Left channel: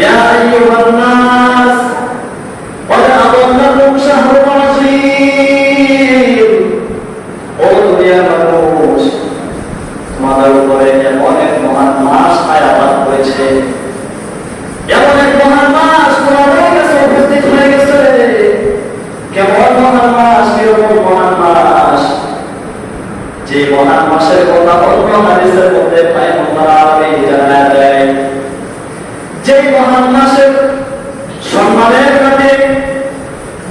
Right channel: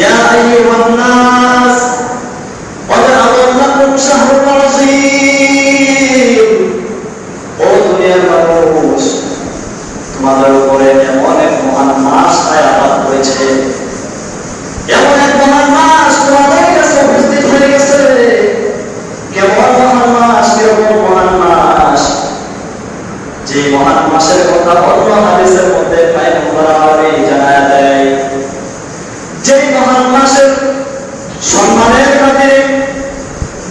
ইয়া আইয়ুহান নাস قد أضلكم شهر عظيم ও দুনিয়ার মানুষ তোমাদের উপরে এমন এক মহান মাস আয়াত করেছে, এমন এক মহান মাস তোমাদের কাছে উপস্থিত হয়ে গেছে। কেমন মহান মাস, কেমন মহান মাস, যে মহান মাসের কথা অন্য হাদিসের মধ্যে পয়গম্বর আলাইহিস জানায় দেয়। যে মহান মাসের সম্মানের খাতিরে,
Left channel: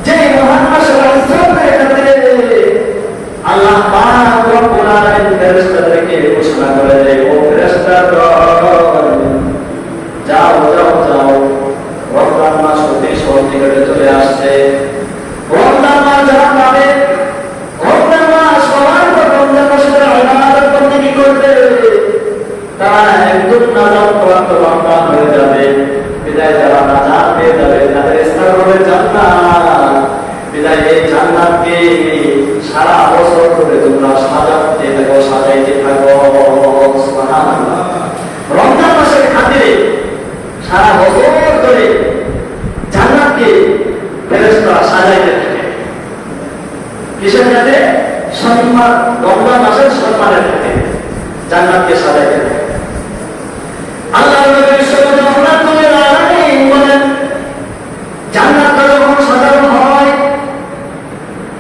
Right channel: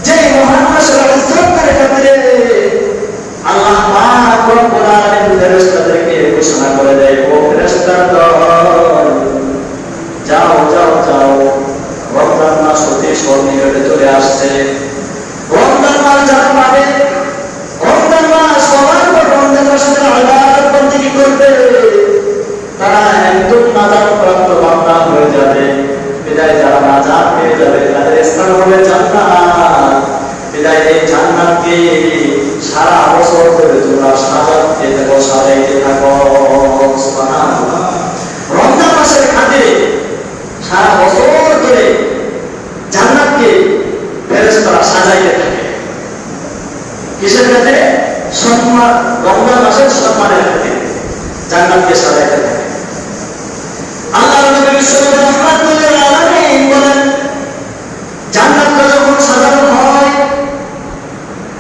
যে মহান মাসের ইজ্জতের খাতিরে আল্লাহ পাক রব্বুল আলামিন ফেরেশতাদেরকে ঘোষণা করে দেয়, ও ফেরেশতাগণ যাও যাও যাও, রমজান মাস অতি সন্নিকটে চলে আসছে। রমজান মাস যারা পাবে, রমজান মাস সবার পর রমজান মাসের ইবাদত বন্দেগী করবে, তারা একদম নাজাত প্রাপ্ত বান্দা হয়ে যাবে। বিদায় যারা নাজাত পেয়ে যাবে তাদের স্থান হবে জান্নাত। বিদায় এই জান্নাতকে সারা বছর ধরে তোমরা সাজাতে থাকো, সাজাইতে থাকো। সুবহানাল্লাহ। রমজান মাসের খাতিরে সারা বছর ধরে জান্নাতকে ফেরেশতারা সাজাইতে থাকে। কিসের খাতিরে? সম্মান, রমজান মাসের সম্মানের খাতিরে জান্নাতকে সাজাইতে থাকে। আল্লাহ নবী সাল্লাল্লাহু আলাইহি বলেন, জান্নাতটা যখন সাজানো হয়,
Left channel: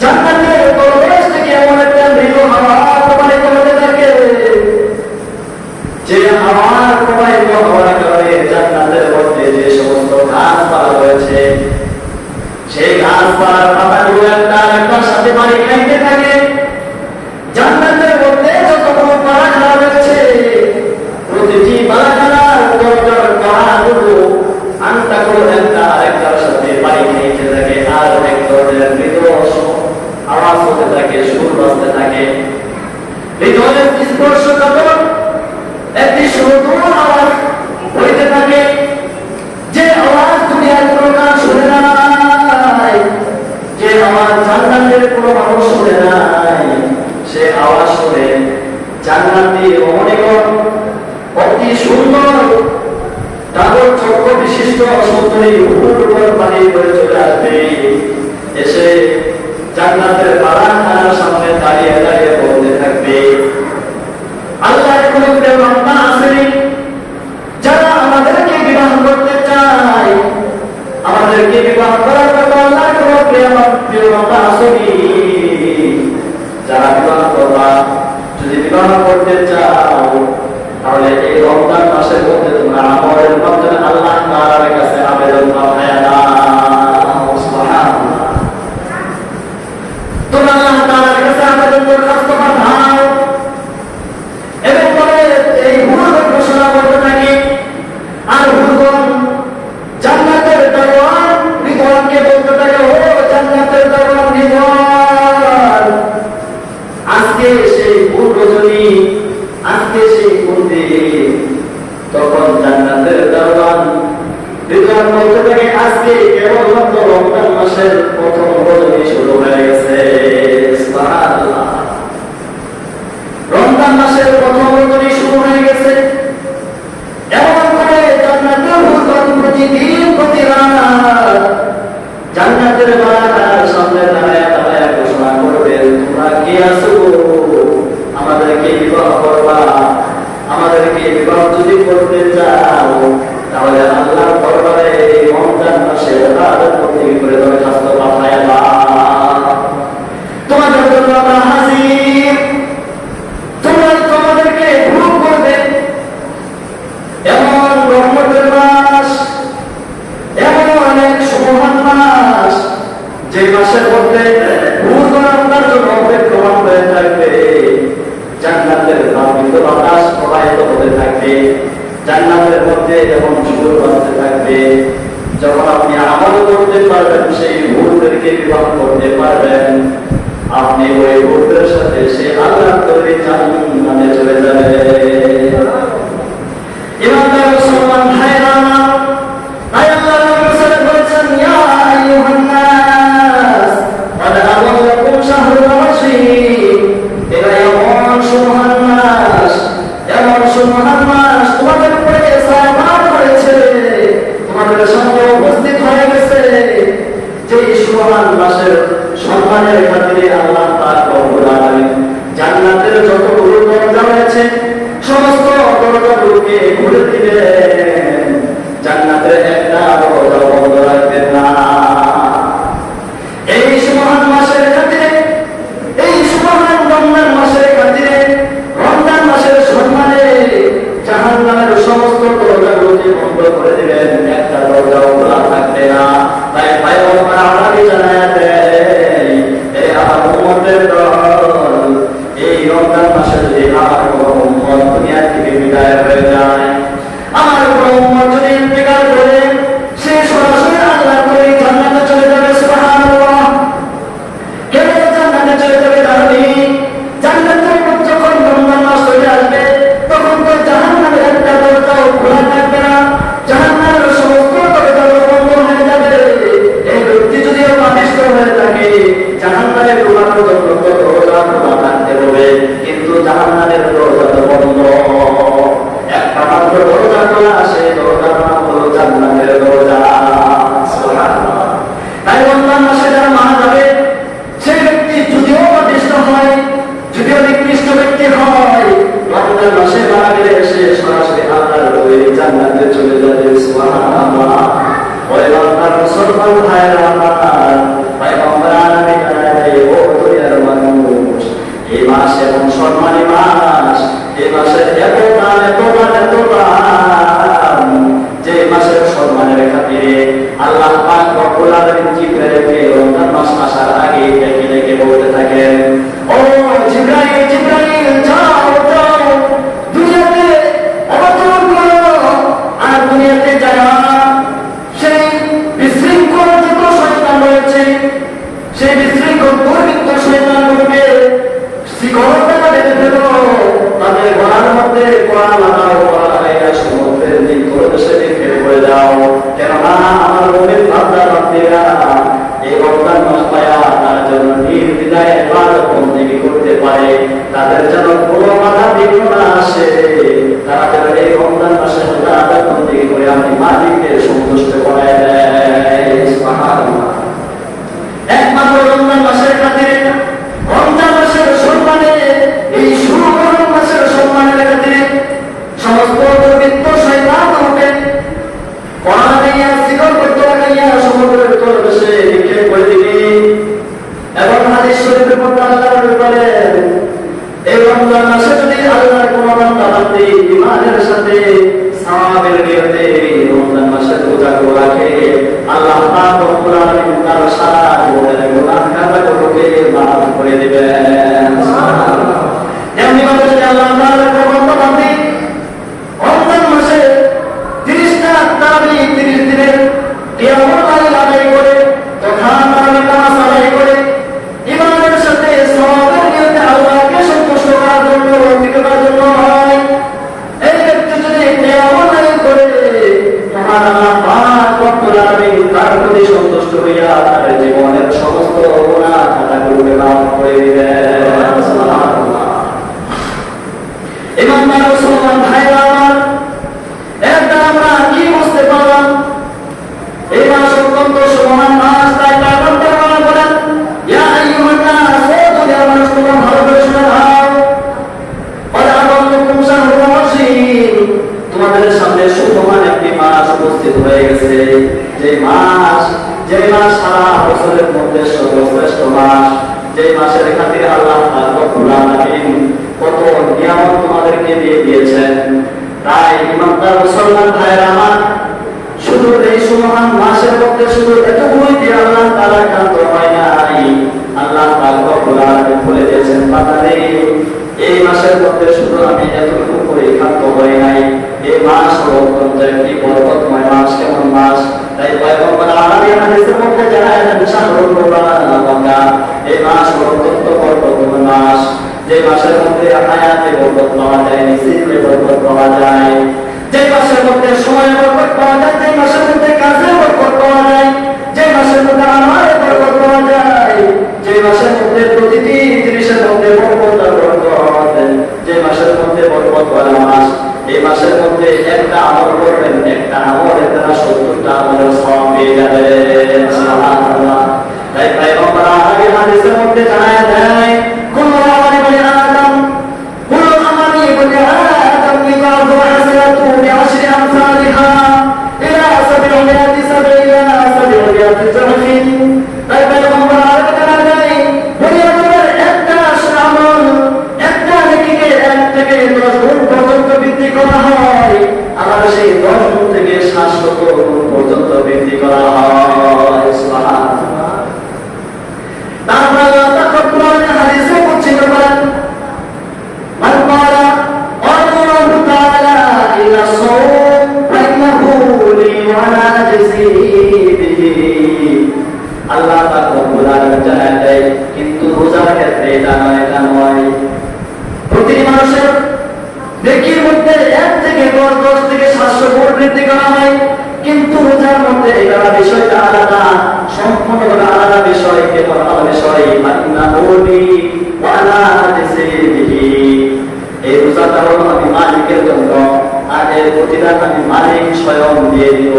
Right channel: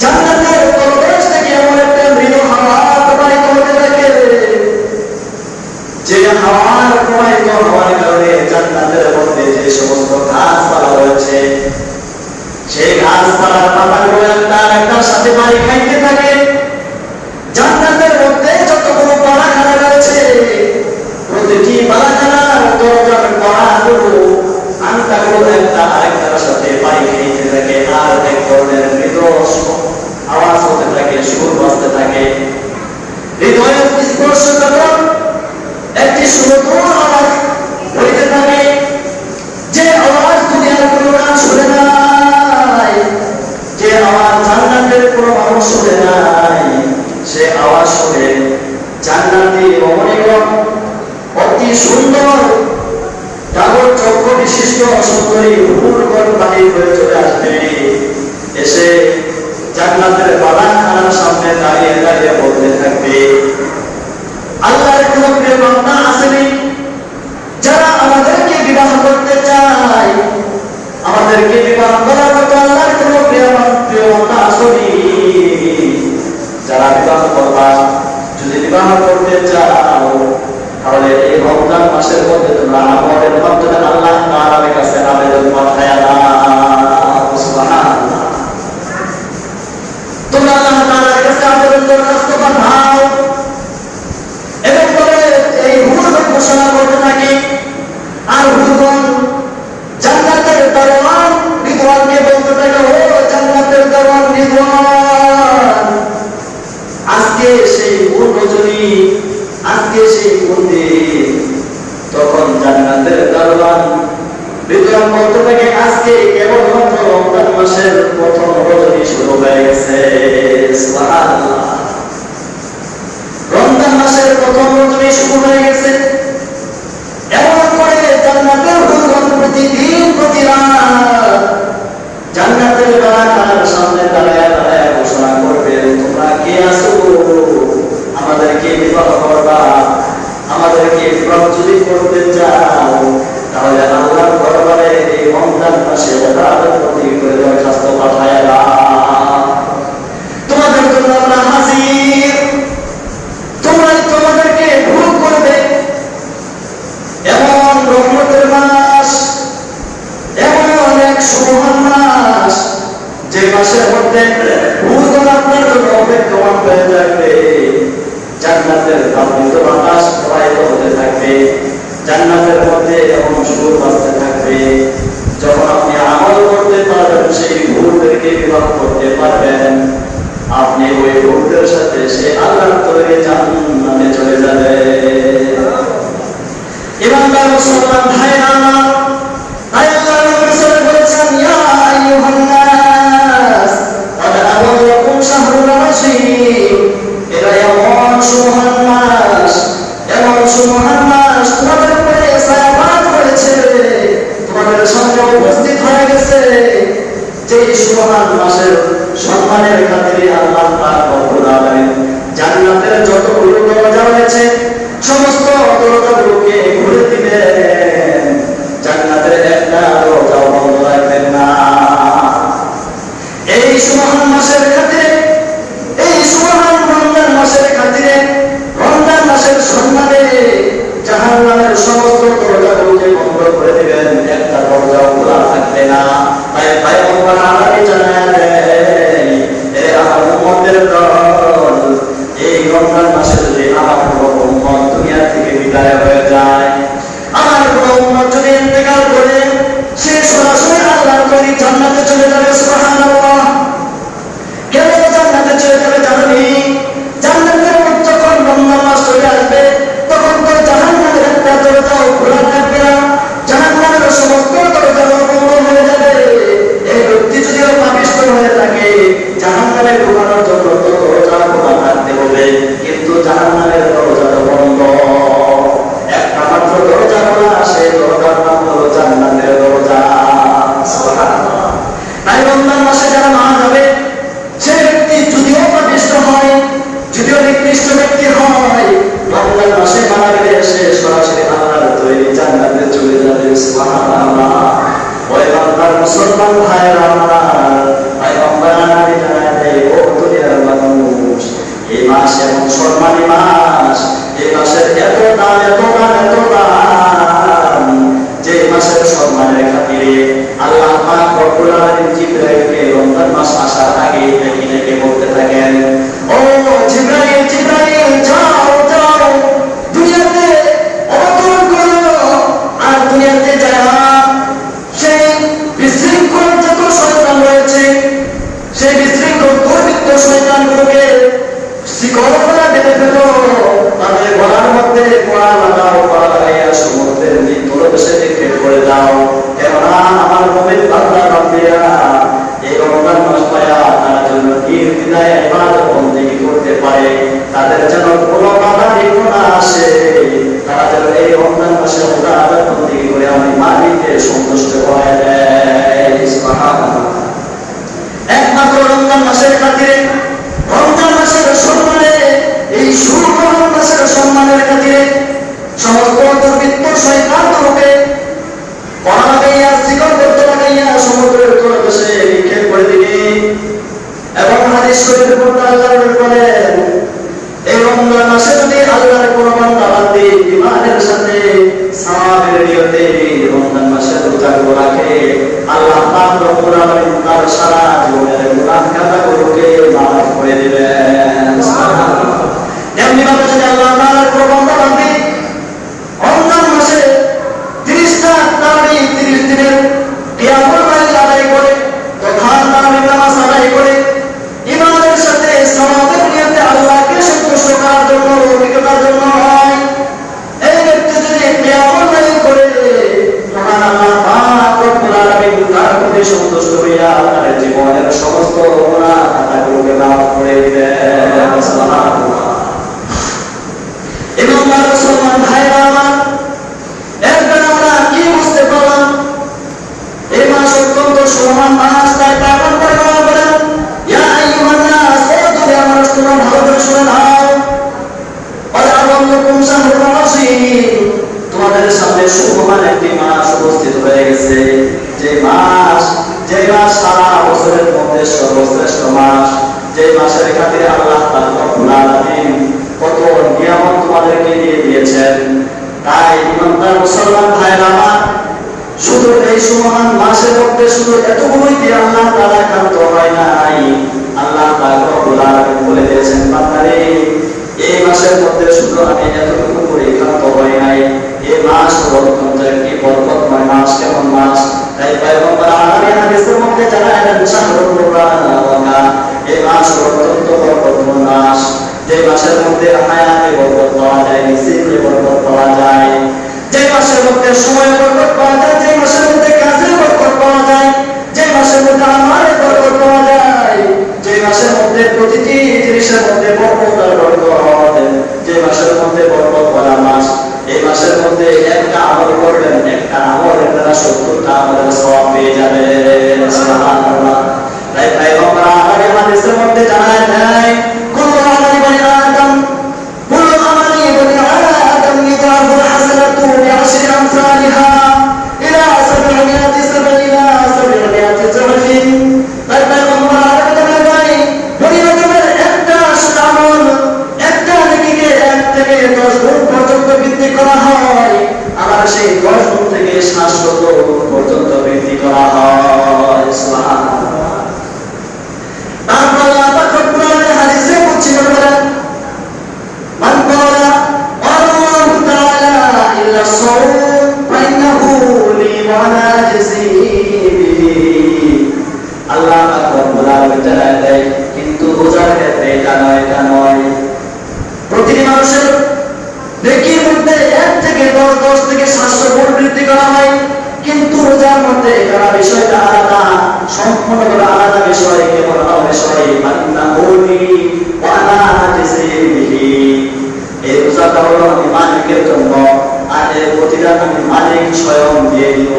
জান্নাতের পরবেশ থেকে এমন একটা মৃদু হাওয়া প্রবাহিত হতে থাকে, যে হাওয়ার প্রবাহিত হওয়ার কারণে জান্নাতের মধ্যে যে সমস্ত গাছপালা রয়েছে, সেই গাছপালার পাতাগুলো একটার সাথে পানি খাইতে থাকে। জান্নাতের মধ্যে যতগুলো পালাখানা রয়েছে, প্রতিটি পালাখানার দরজার কড়াগুলো আংটাগুলো একটা আরেকটার সাথে পানি খাইতে থাকে, আর এক ধরনের মৃদু আওয়াজ হতে থাকে, সুর বাজতে থাকে। হৃদয়ের স্পর্শকাতর একটি সুমধুর আওয়াজ হইতে থাকে, যে আওয়াজ দুনিয়ার কোনো গান শুনে নাই, যে আওয়াজ জান্নাতের কোনো মানুষ শুনে নাই, সে আওয়াজ শুনে জান্নাতি রমণীগণ অতি সুন্দর তাগর চক্র বিশিষ্ট সুন্দরী হুরগণ বাহির হয়ে চলে আসবে, এসে জান্নাতের বাগানখানার সামনে দাঁড়িয়ে দাঁড়িয়ে বলতে থাকবে, আল্লাহর কোনো প্রিয় বান্দা আসেনি যারা আমাদেরকে বিবাহ করতে চায়? আমাদেরকে বিবাহ করার মতো আল্লাহর কোনো প্রিয় বান্দা আসেনি? যারা বিবাহ করবা, যদি বিবাহ করতে চাও তাহলে এই রমজান মাসের মধ্যে তোমরা আমলের মাধ্যমে আল্লাহ তাআলার কাছে আবেদন পাঠায় নাও। সুবহানাল্লাহ। তোমরা আল্লাহ তাআলার কাছে আবেদন দরখাস্ত পাঠাও এবং বলে এই হুর ঘোষণা সুবহান মাসের সম্মানের খাতিরে আল্লাহ পাক রব্বুল আলামিন জান্নাতের যতগুলো দরজা রয়েছে সমস্ত দরজাগুলোকে খুলে দিবেন, জান্নাতের একটা দরজা বন্ধ রাখবেন না। এই সুবহান মাসের খাতিরে, এই সুবহান রমজান মাসের খাতিরে, রমজান মাসের সম্মানে জাহান্নামের সমস্ত দরজাগুলোকে বন্ধ করে দিবেন, একটা দরজা খোলা থাকবে না। তাই পয়গম্বর আলাহি জানায় দেন, এ আমার উম্মতের দল, এই রমজান মাসে যদি আমার কোনো উম্মত দুনিয়া থেকে বিদায় হয়ে যায়, আমার কোনো উম্মত যদি ইন্তেকাল করে, সে সরাসরি আল্লাহর তৈরি জান্নাতে চলে যাবে। সুবহানাল্লাহ। কেন জান্নাতে চলে যাবে জানেন? জান্নাতের যখন রমজান মাস চলে আসবে তখন তো জাহান্নামের একটা দরজাও খোলা থাকবে না, জাহান্নামের সমস্ত দরজা বন্ধ হয়ে যাবে। এই ব্যক্তি যদিও পাপিষ্ঠ হয়ে থাকে, জাহান্নামে ঢোকানোর জন্য তো দরজা খোলা থাকতে হবে, কিন্তু জাহান্নামের দরজা তো বন্ধ। একটা মাত্র দরজা খোলা, সেই দরজার নাম হলো জান্নাতের দরজা। সুবহানাল্লাহ। তাই রমজান মাসে যারা মারা যাবে, সেই ব্যক্তি যদিও পাপিষ্ঠ হয়, যদিও নিকৃষ্ট ব্যক্তি হয়, রমজান মাসে মারা গেলে সে সরাসরি আল্লাহর তৈরি জান্নাতে চলে যাবে। সুবহানাল্লাহ। ওই বান্দার মুসলমান ভাইরা আমার, পয়গম্বর আলাইহিস সালাম ও দুনিয়ার মানুষ, এই মাস এমন সম্মানী মাস, এই মাসে এত দাম, এত দাম, এত দাম, যে মাসের সম্মানের খাতিরে আল্লাহ পাক রব্বুল আলামিন জিবরাইলকে রমজান মাস আসার আগে ডেকে ডেকে বলতে থাকেন, ও জিবরাইল, জিবরাইল, যাও যাও দুনিয়াতে অবতরণ করো, আর দুনিয়াতে যারা সেই বিশৃঙ্খল যত শয়তান রয়েছে, সেই বিশৃঙ্খল দুর্বৃত্ত শয়তানগুলোকে শিকড় বেঁধে ফেলো, তাদের গলার মধ্যে কড়া লাগাও, কড়া লাগাইয়া সমুদ্রের নিকটে রেখে পড়ে যাও। কেননা আমার মুমিন বান্দা বান্দিরা এই রমজান মাস পায়া তারা যেন নির্দ্বিধায় ইবাদত বন্দেগী করতে পারে, তাদের যেন কোনো বাধা বিঘ্ন না আসে, তারা যেন এই রমজান মাসে ইবাদত বন্দেগী করে আমি মালিককে সন্তুষ্ট করে দেয়। সুবহানাল্লাহ। একমাত্র রমজান মাসের খাতিরে, রমজান মাসের সম্মানে, এই শুভ মাসের সম্মানের খাতিরে সমস্ত দুর্বৃত্ত শয়তানগুলোকে কড়া লাগাইয়া, শিকড়বদ্ধ লাগাইয়া সমুদ্রের তলদেশে নিক্ষেপ করে দিবে। এবং হাদিস শরীফের মধ্যে আল্লাহ বলেন, এই রমজান মাসে যদি আল্লাহর কোনো বান্দা বান্দি ঈমানের সাথে সাওয়াবের নিয়তে রমজান মাসের রোজাগুলো রাখে, আল্লাহ পাক রব্বুল আলামিন তার সারা জীবনের গুনাহ খাতাগুলোকে মাফ করে দিবেন। সুবহানাল্লাহ। এমনি ভাবে যদি আল্লাহ তাআলার কোনো বান্দা বান্দি রমজান মাসে 30টা তারাবি, 30 দিনের কিয়ামুল লাইল আদায় করে, তথা তারাবি নামাজ আদায় করে, ঈমানের সাথে সাওয়াবের নিয়তে আল্লাহকে সন্তুষ্ট করার জন্য, অভিজ্ঞতার জন্য হয়, এই ব্যক্তি যদি কিয়ামুল লাইল করে, মহান আল্লাহ পাক রব্বুল আলামিন তার প্রতি সন্তুষ্ট হইয়া তার জীবনের সমস্ত গুনাহ খাতাগুলোকে মাফ করে দিবেন। সুবহানাল্লাহ। ইমানদার মুসলমান ভাইরা আমার, এরপর আমরা কি বুঝতে পারলাম? এই মাস অত্যন্ত সুমহান মাস। তাই পয়গম্বর বলেন, ইয়া আইয়ুহান নাস, ও দুনিয়ার মানুষ, তোমরা ভালো করে শুনে নাও, ক্বাদ আযাল্লাকুম শাহরুল আযীম, তোমাদের সামনে সুমহান একটি মাস উপস্থিত হয়ে গেছে, যে মাস সারা বছরের মধ্যে সর্বশ্রেষ্ঠ মাস, যে মাসের খাতিরে আল্লাহ পাক রব্বুল আলামিন কত নিয়ামত তোমাদেরকে দিয়ে দিয়েছেন। তাই ইমানদার মুসলমান ভাইরা আমার, শুধু এই সুমহান মাসের মধ্যে শুধু এতগুলোই দিয়ে আল্লাহ তাআলা ক্ষান্ত হয় নাই। আল্লাহ পাক রব্বুল আলামিন বলে দিয়েছেন, বান্দারে, এই মাসের মধ্যে শুধু আমি এতটুকু করে ক্ষান্ত হয় নাই, এই মাস হলো অত্যন্ত একটি বরকতময় মাস। কেমন মাস? তাই পয়গম্বর আলাইহিস হাদিসের মধ্যে জানালেন, শাহরুল কুরআন, এই মাস হলো অত্যন্ত বরকতময় মাস, যে মাসের মধ্যে হায়াতে বরকত পাওয়া যায়, রিজিকে বরকত পাওয়া যায়, যে মাসের মধ্যে সময় বরকত পাওয়া যায়, যে মাসের মধ্যে কাজের বরকত পাওয়া যায়, যে মাসের মধ্যে আল্লাহ পাক রব্বুল আলামিন জানায় দেয়, কিন্তু রোজার ক্ষেত্রে এটা নয়। প্রতিটি মানুষের নেকির মধ্যে 1 থেকে 10 থেকে 700 গুণ বৃদ্ধি করা হয়, কিন্তু রোজার মধ্যে এটা বিষয়টা আলাদা, সম্পূর্ণ আলাদা বিষয়। কেবল বিষয় বান্দা ওলি ওয়ালা জিসিবিহি, এই রোজাটা হলো আমি মালিকের জন্য, আর এর প্রতিদান আমি মালিক স্বয়ং দিয়ে দিব।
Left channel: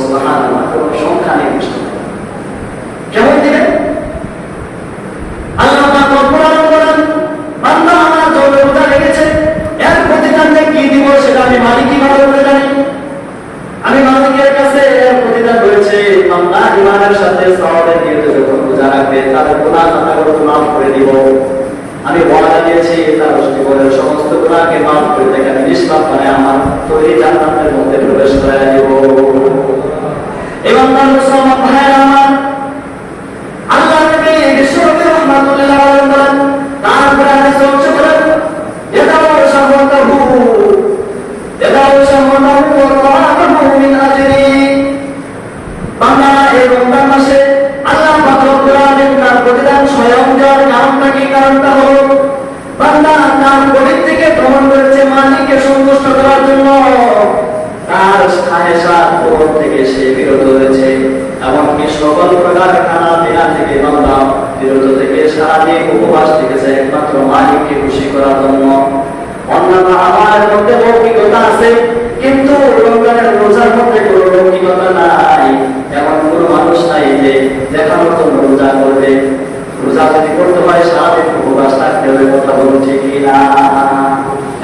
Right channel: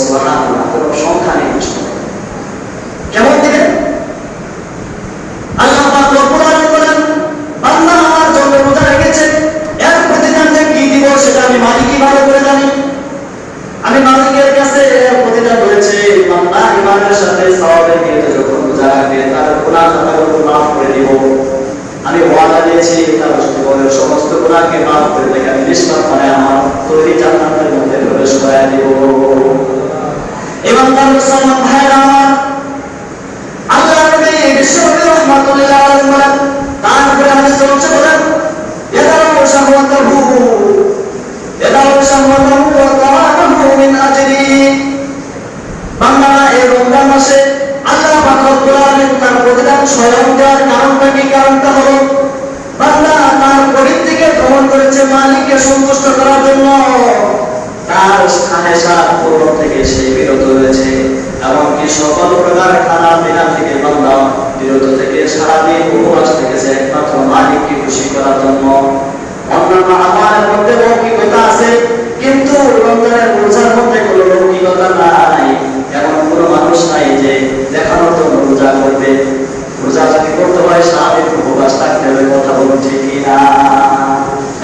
সুবহানাল্লাহ, কোন সংখ্যা নেই বিষয়। কেমন দিবেন? আল্লাহ পাক রব্বুল আলামিন বলেন, বান্দা আমার জন্য রোজা রেখেছে, এর প্রতিদান যে কি দিব সেটা আমি মালিকই ভালো করে জানি। আমি মালিকের কাছে এর প্রতিদান রয়েছে। বান্দা ইমানের সাথে সওয়াবের নিয়তে যখন রোজা রাখবে, তার গুনাহ আমি মাফ করে দিব। আমি ওয়াদা দিয়েছি তার জীবনের সমস্ত গুনাহকে মাফ করে দেব, আমি নিষ্পাপ হয়ে আমার তৈরি জান্নাতের মধ্যে প্রবেশ করায় দেব। এবং তার মুসলমান ভাইয়েরা আমার, আল্লাহ নবী বিশ্বনবী রাহমাতুল্লাহ আলাইহি বলেন, তারপরে হাদিস হচ্ছে বলেন, ইয়াদাউ শাহওয়াতাহু ওয়া তাআমাহু মিন আজরি। বান্দা এই রমজান মাসে আল্লাহ পাক রব্বুল আলামিন তার প্রতিদান স্বয়ং দেওয়ার কারণটা কি? কারণটা হলো বান্দা তার গরিব থেকে ভ্রমণ করেছে মালিককে সন্তুষ্ট করার জন্য, তার খাহেসাত পূরণ থেকে সে বিরত হয়েছে, এমনকি সকল প্রকার খানা পিনা থেকে বান্দা বিরত থেকে সারাদিন উপবাস থেকেছে একমাত্র মালিককে খুশি করার জন্য। অন্যান্য আমাদের মধ্যে লৌকিকতা আছে, কিন্তু রমজানের রোজার মধ্যে কোনো লৌকিকতা নাই। এমন কোনো মানুষ নাই যে দেখানোর জন্য রোজা করবে। রোজা যদি করতে হয় সারাদিন উপবাস থাকতে হবে, কথা বলুন ঠিক কিনা?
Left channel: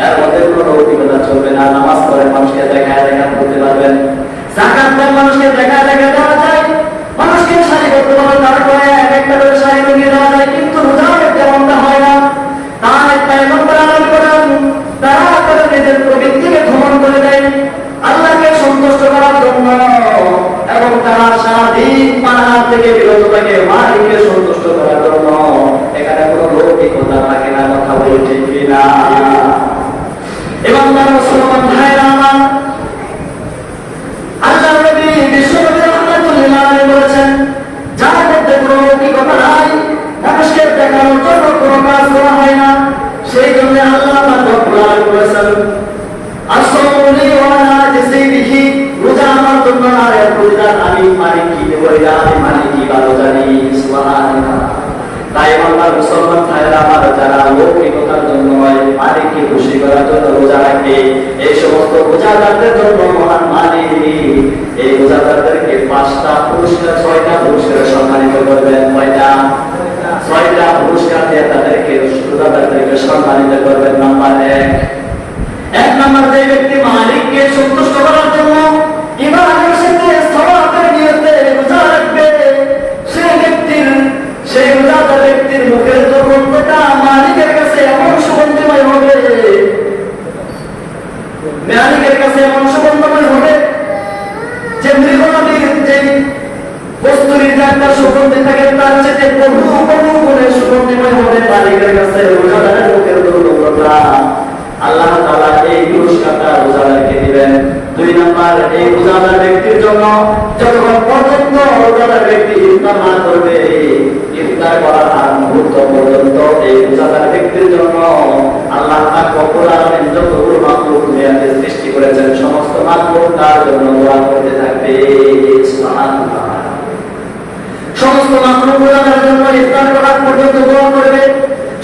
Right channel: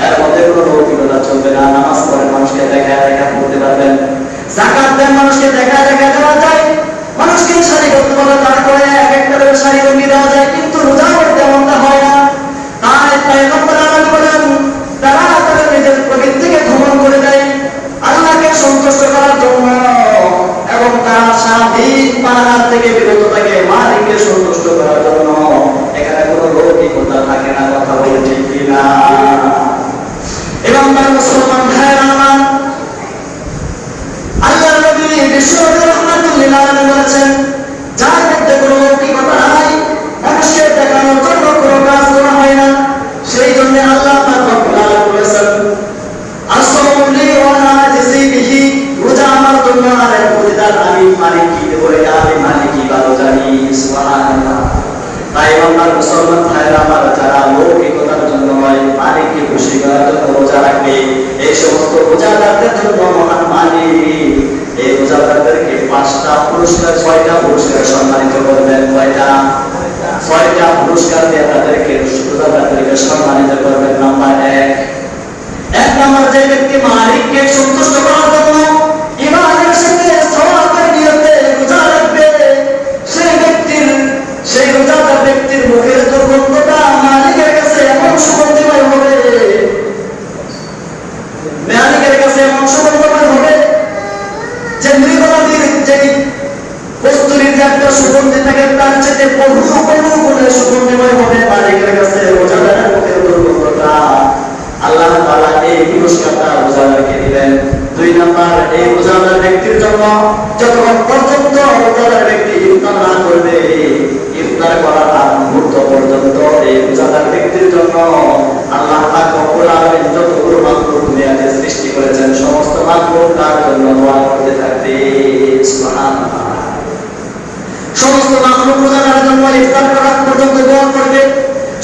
এর মধ্যে কোনো লৌকিকতা চলবে না। নামাজ পড়ে মানুষকে দেখা করতে পারবেন, যাকাত দেন মানুষকে দেখা দেওয়া যায়, মানুষকে সারিবদ্ধভাবে তারপরে এক একটা করে সারি রঙিয়ে দেওয়া যায়, কিন্তু রোজা করতে এমনটা হয় না। তাই পয়গম্বর আলাইহিস সালাম তারা তাদের নিজের প্রবৃত্তিকে ভ্রমণ করে দেয় আল্লাহকে সন্তুষ্ট করার জন্য, এবং তারা সারাদিন পানাহার থেকে বিরত থাকে মালিককে সন্তুষ্ট করার জন্য। এখানে কোনো লৌকিকতা থাকে না, কথা বলে ঠিক কিনা? এবং তার মুসলমান ভাইয়েরা আমার, আল্লাহ নবী বিশ্বনবী রাহমাতুল্লাহ আলাইহি বলেছেন, যার মধ্যে কোনো লৌকিকতা নাই, মানুষকে দেখানোর জন্য কোনো কাজ করা হয় না, সেই জন্য আল্লাহ পাক রব্বুল আলামিন বলেছেন, আসসামু লি ওয়া আনা আজজি বিহি, রোজা আমার জন্য আর এর প্রতিদান আমি মালিকই দেব, এটা আমি মালিকই ভালো জানি। সুবহানাল্লাহ। তাই আল্লাহর মুসলমান ভাইয়েরা আমার, যারা লৌকিকতার জন্য নয় মালিককে খুশি করার জন্য রোজা রাখবে, এই সমস্ত রোজাদারদের জন্য মহান মালিক এই রোজাদারদেরকে 5টা পুরস্কার 6টা পুরস্কার সম্মানিত করবেন। কয়টা? 6টা পুরস্কার দিয়ে তাদেরকে রোজাদারদেরকে সম্মানিত করবেন। নাম্বার 1 নাম্বার, যে ব্যক্তি মালিককে সন্তুষ্ট করার জন্য ইমানের সাথে সওয়াবের নিয়তে রোজা রাখবে, সেই রোজাদার ব্যক্তির মুখের দুর্গন্ধটা মালিকের কাছে এমন সুগন্ধিময় হবে, মালিকের কাছে এমন সুগন্ধিময় হবে যে মৃগনদীর যে কস্তুরীর যে একটা সুগন্ধি থাকে তার চেয়ে বহু গুণে সুগন্ধিময় হবে মালিকের কাছে রোজাদারের মুখের দুর্গন্ধটা। আল্লাহ তাআলা এই পুরস্কারটা রোজাদারকে দিবেন। 2 নাম্বার, এই রোজাদার ব্যক্তির জন্য যতক্ষণ পর্যন্ত রোজাদার ব্যক্তি ইফতার না করবে, ইফতার করার আগ মুহূর্ত পর্যন্ত এই রোজাদার ব্যক্তির জন্য আল্লাহ পাক রব্বুল আলামিন যতগুলো মাখলুক দুনিয়াতে সৃষ্টি করেছেন সমস্ত মাখলুক তার জন্য দোয়া করতে থাকবে। সুবহানাল্লাহ। সমস্ত মাখলুক রোজাদারের জন্য ইফতার করার পর্যন্ত দোয়া করবে।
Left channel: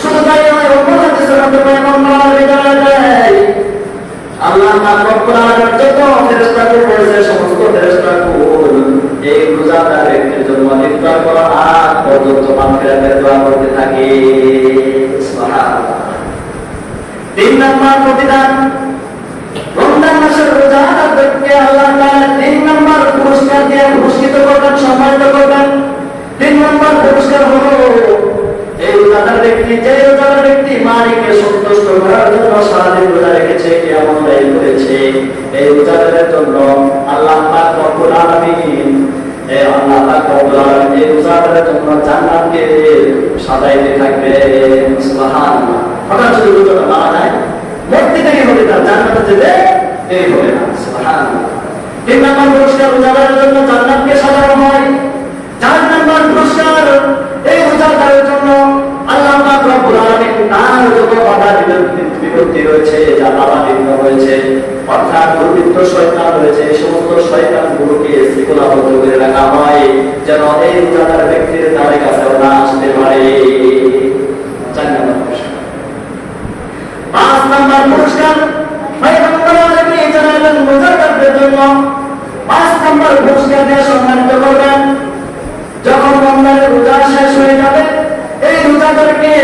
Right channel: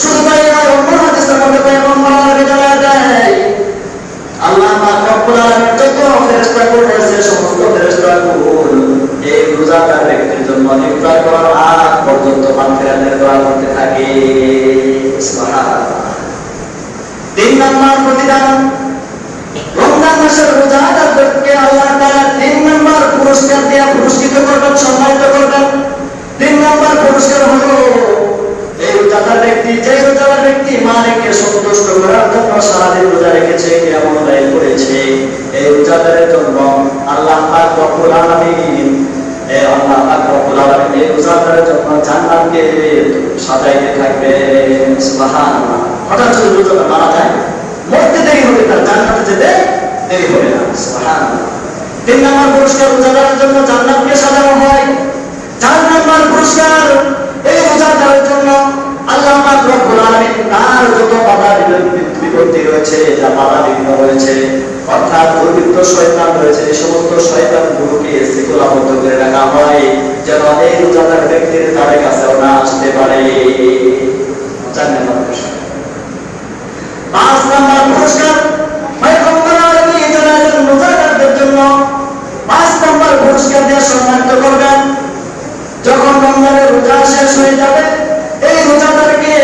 শুধু তাই নয়, অন্য হাদিসের মধ্যে পয়গম্বর আলাইহিস সালাম দেয়, আল্লাহ পাক রব্বুল আলামিন যত ফেরেশতাকুল করেছে সমস্ত ফেরেশতাকুল এই রোজাদার ব্যক্তির জন্য ইফতার করার আগ পর্যন্ত মাগফিরাতের দোয়া করতে থাকে। সুবহানাল্লাহ। 3 নম্বর প্রতিদান, রমজান মাসের রোজাদারদেরকে আল্লাহ তাআলা 3 নম্বর পুরস্কার দিয়ে পুরস্কৃত করবেন, সম্মানিত করবেন। 3 নম্বর পুরস্কার হলো এই রোজাদার ব্যক্তি, যে রোজাদার ব্যক্তি মালিককে সন্তুষ্ট করার জন্য সারাদিন রোজা রেখেছে, কিয়ামুল লাইল করেছে, এই রোজাদারের জন্য আল্লাহ পাক রব্বুল আলামিন এই রোজাদারের জন্য জান্নাতকে সাজাইতে থাকবেন। সুবহানাল্লাহ। হঠাৎ যদি রোজাটা মারা যায়, মরতে দেরি হবে, তার জান্নাতে যেতে দেরি হবে না। সুবহানাল্লাহ। 3 নম্বর পুরস্কার রোজাদারের জন্য জান্নাতকে সাজানো হয়। 4 নম্বর পুরস্কার এই রোজাদারের জন্য আল্লাহ পাক রব্বুল আলামিন তার যত বাধা বিপত্তি রয়েছে, যা বাধা বিঘ্ন রয়েছে, অর্থাৎ দুর্বৃত্ত শয়তান রয়েছে, এই সমস্ত শয়তানগুলোকে শৃঙ্খলাবদ্ধ করে রাখা হয় যেন এই রোজাদার ব্যক্তির তাদের কাছেও না আসতে পারে। 4 নম্বর পুরস্কার। 5 নম্বর পুরস্কার পয়গম্বর আলাইহিস সালাম রোজাদারদের জন্য 5 নম্বর পুরস্কার দিয়ে সম্মানিত করবেন। যখন রমজানের রোজা শেষ হয়ে যাবে, এই রোজাদারকে